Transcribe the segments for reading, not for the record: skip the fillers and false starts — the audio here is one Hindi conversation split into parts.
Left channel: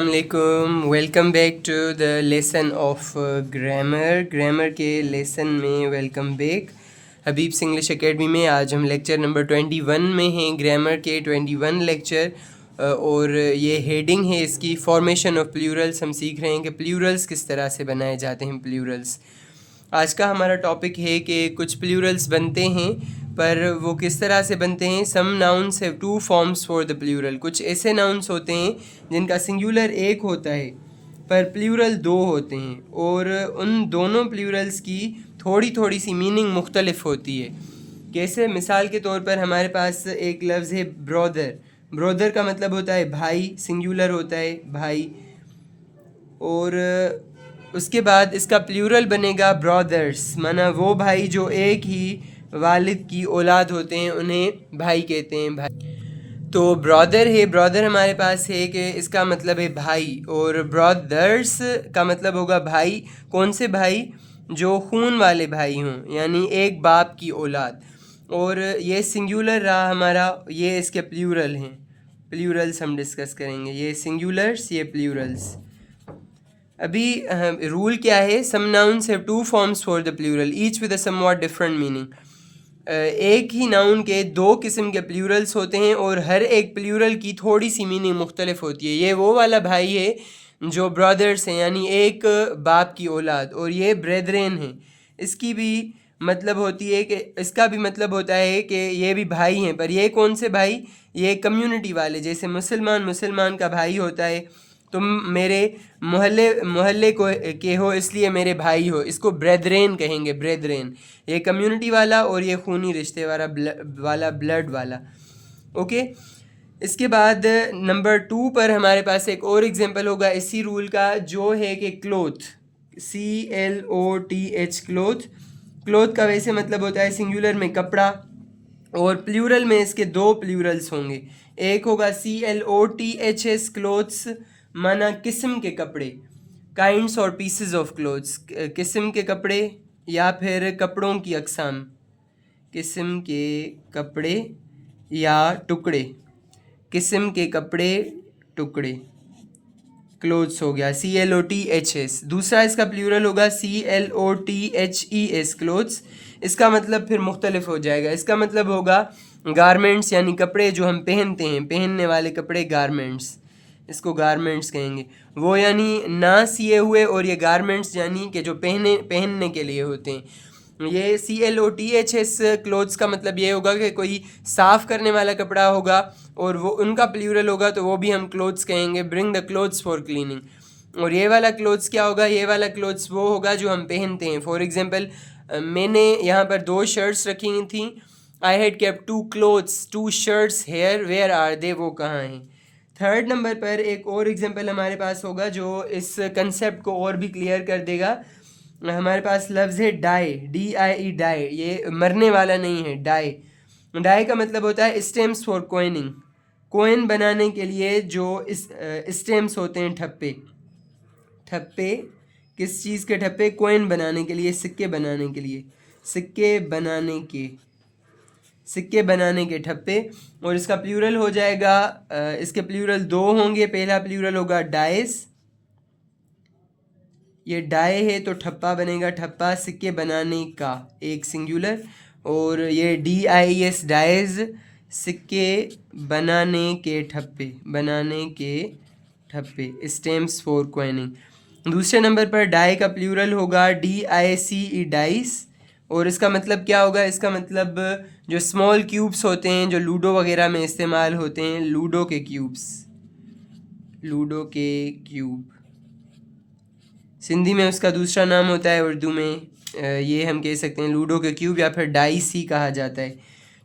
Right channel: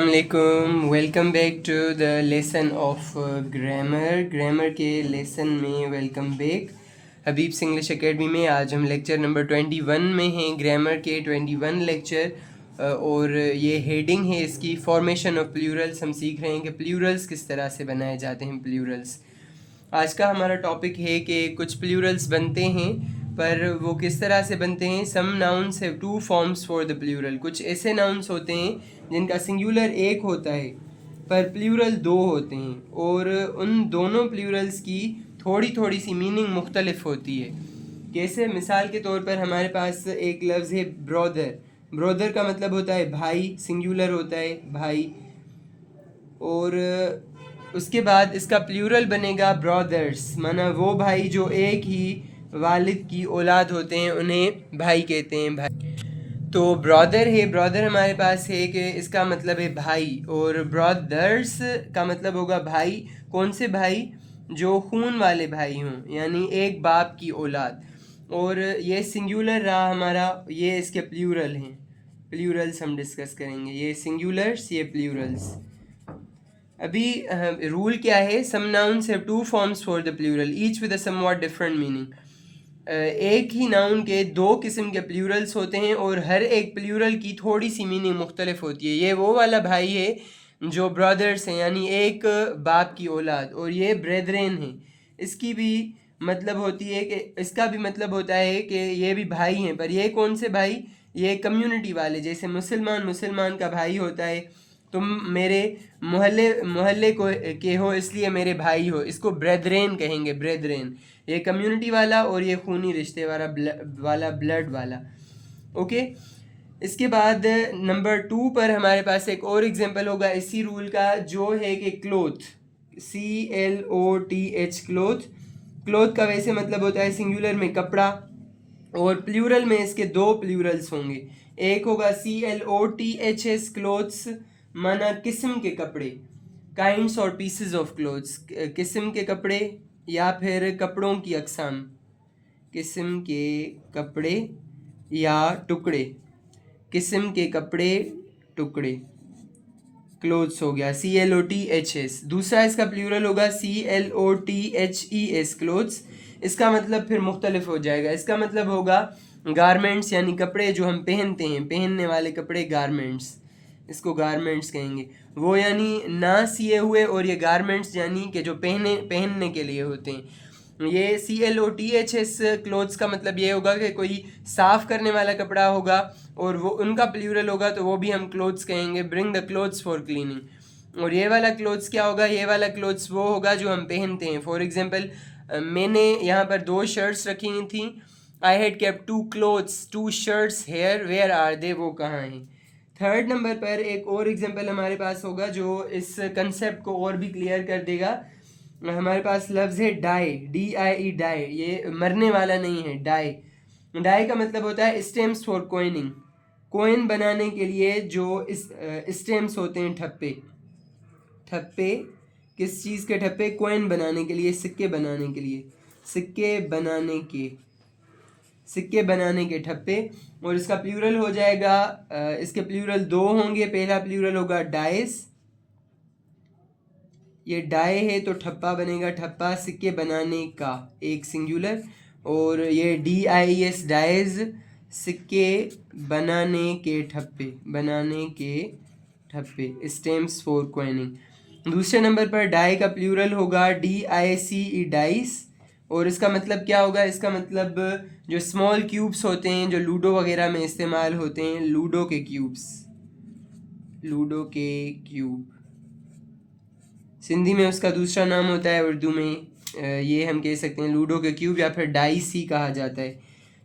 अस्सलामुअलैकुम, welcome back to the lesson of grammar के लेसन में welcome back. Habib's English academy में आज हम लेक्चर नंबर 21 में हैं, ग्रामर के 21 लेक्चर। और ये हेडिंग है इसकी फॉर्मेशन ऑफ प्लूरल्स। हम सीख रहे हैं कि प्लूरल्स किस तरह से बनाए जाते हैं। प्लूरल्स आज का हमारा टॉपिक है कि कुछ प्लूरल्स बनते हैं, पर वो किस तरह से बनते हैं। Some nouns have two forms for the plural. कुछ ऐसे नाउन्स होते हैं जिनका सिंगुलर एक होता है पर प्लूरल दो होते हैं, और उन दोनों प्लूरल्स की थोड़ी थोड़ी सी मीनिंग मुख्तलिफ होती है। कैसे? मिसाल के तौर पर हमारे पास एक लफ्ज़ है ब्रदर। ब्रदर का मतलब होता है भाई, सिंगुलर होता है भाई। और उसके बाद इसका प्लूरल बनेगा ब्रदर्स, माना वो भाई जो एक ही वालिद की औलाद होते हैं उन्हें भाई कहते हैं, भाई। तो ब्रदर है, ब्रदर हमारे पास है कि इसका मतलब है भाई, और ब्रदर्स का मतलब होगा भाई। कौन से भाई? जो खून वाले भाई हों, यानी एक बाप की औलाद। और ये सिंगुलर रहा हमारा, ये इसके प्लूरल हैं। प्लूरल्स हम डिस्कस करेंगे, ये सिंगुलर्स, ये प्लूरल्स। अभी रूल क्या है? Some nouns have two forms for the plural each with a somewhat different meaning. एक ही नाउन के दो किस्म के प्लूरल्स होते हैं और हर एक प्लूरल की थोड़ी सी मीनिंग मुख्तलिफ होती है। ये वो वाला भाई है जो ब्रदर्स हैं, यानी एक बाप की औलाद, और ये ब्रेदरेन है। इसकी भी मतलब होती है कि इसका भी मतलब होता है कि ये भी भाई हैं, पर ये कौन से भाई? ये कम्युनिटी वाले। जैसे मुसलमान का भाई होता है, तुम मेरे मोहल्ले को के हो इसलिए मेरे भाई हो, इसको ब्रेदरेन कहेंगे, ब्रेदरेन। ये कम्युनिटी वाला और ये खूनी रिश्ते वाला ब्लड वाला। ओके। इसके बाद नंबर 2 पर हमारे पास एक और एग्जांपल होगा इसी रूल का, जो है कि क्लोथ, CLOTH, क्लोथ। क्लोथ का वैसे मतलब होता है सिंगुलर में कपड़ा, और प्लूरल में इसके दो प्लूरल्स होंगे। एक होगा CLOTHS, क्लोथ्स, माना किस्म के कपड़े, काइंड्स और पीसेस ऑफ क्लोथ्स, किस्म के कपड़े या फिर कपड़ों की अकसाम, किस्म के कपड़े या टुकड़े, किस्म के कपड़े, टुकड़े, क्लोथ्स हो गया CLOTHS। दूसरा इसका प्लूरल होगा CLOTHES, क्लोथ्स। इसका मतलब फिर मुख्तलिफ हो जाएगा। इसका मतलब होगा गारमेंट्स, यानी कपड़े जो हम पहनते हैं, पहनने वाले कपड़े, गारमेंट्स। इसको गारमेंट्स कहेंगे। वो यानी ना सिए हुए, और ये गारमेंट्स यानी कि जो पहनने के लिए होते हैं। ये CLOTHS क्लोथ्स का मतलब ये होगा कि कोई साफ़ करने वाला कपड़ा होगा, और वो उनका प्लूरल होगा तो वो भी हम क्लोथ्स कहेंगे, bring the clothes for cleaning. और ये वाला क्लोथ्स क्या होगा? ये वाला क्लोथ्स वो होगा जो हम पहनते हैं। फॉर एग्जांपल, मैंने यहाँ पर 2 शर्ट्स रखी थी। I had kept 2 clothes, 2 shirts here, where are they, वो कहाँ हैं? थर्ड नंबर पर एक और एग्जांपल हमारे पास होगा जो इस कंसेप्ट को और भी क्लियर कर देगा। हमारे पास लफ्ज़ है डाई, DIE, डाई। ये मरने वाला नहीं है, डाई। डाई का मतलब होता है स्टेम्स फॉर कोइनिंग। कोइन बनाने के लिए जो स्टेम्स होते हैं, ठप्पे। ठप्पे किस चीज़ के ठप्पे? कोइन बनाने के लिए, सिक्के बनाने के लिए, सिक्के बनाने के ठप्पे। और इसका प्लूरल हो जाएगा, इसके प्लूरल दो होंगे। पहला प्लूरल होगा डाइस, ये डाई है तो ठप्पा बनेगा, ठप्पा, सिक्के बनाने का, एक सिंगुलर। और ये DIES, डाइज, सिक्के बनाने के ठप्पे, स्टेम्स फॉर क्वाइनिंग। दूसरे नंबर पर डाई का प्लूरल होगा DICE, डाइस। और इसका मतलब क्या होगा? इसका मतलब जो स्मॉल क्यूब्स होते हैं जो लूडो वगैरह में इस्तेमाल होते हैं, लूडो के क्यूब। सिंधी में उसका दूसरा नाम होता है, उर्दू में ये हम कह सकते हैं लूडो के क्यूब, या फिर डाइस ही कहा जाता है।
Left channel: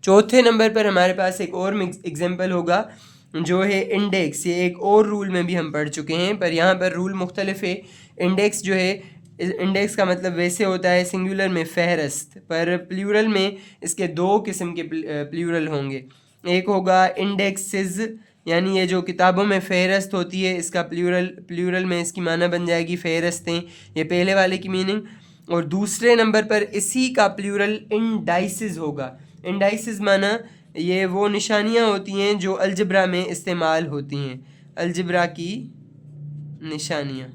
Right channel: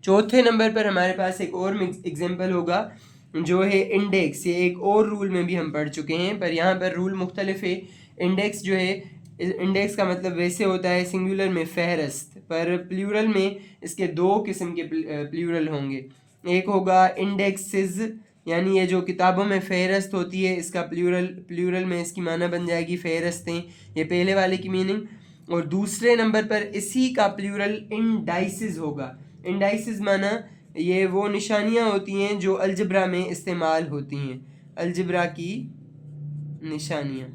चौथे नंबर पर हमारे पास एक और एग्जांपल होगा जो है इंडेक्स। ये एक और रूल में भी हम पढ़ चुके हैं, पर यहाँ पर रूल मुख्तलिफ है। इंडेक्स जो है, इंडेक्स का मतलब वैसे होता है सिंगुलर में फहरस्त, पर प्लूरल में इसके दो किस्म के प्लूरल होंगे। एक होगा इंडेक्सेस, यानी ये जो किताबों में फ़हरस्त होती है, इसका प्लूरल में इसकी माना बन जाएगी फ़हरस्तें, ये पहले वाले की मीनिंग। और दूसरे नंबर पर इसी का प्लूरल इंडाइसिस होगा। इंडाइसिस माना ये वो निशानियाँ होती हैं जो अलजब्रा में इस्तेमाल होती हैं, अलजब्रा की निशानियाँ,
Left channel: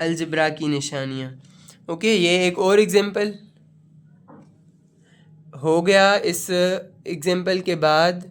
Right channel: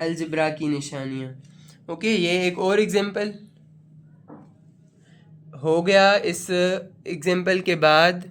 अलजबरा की निशानियाँ। ओके, ये एक और एग्जांपल हो गया। इस एग्जांपल के बाद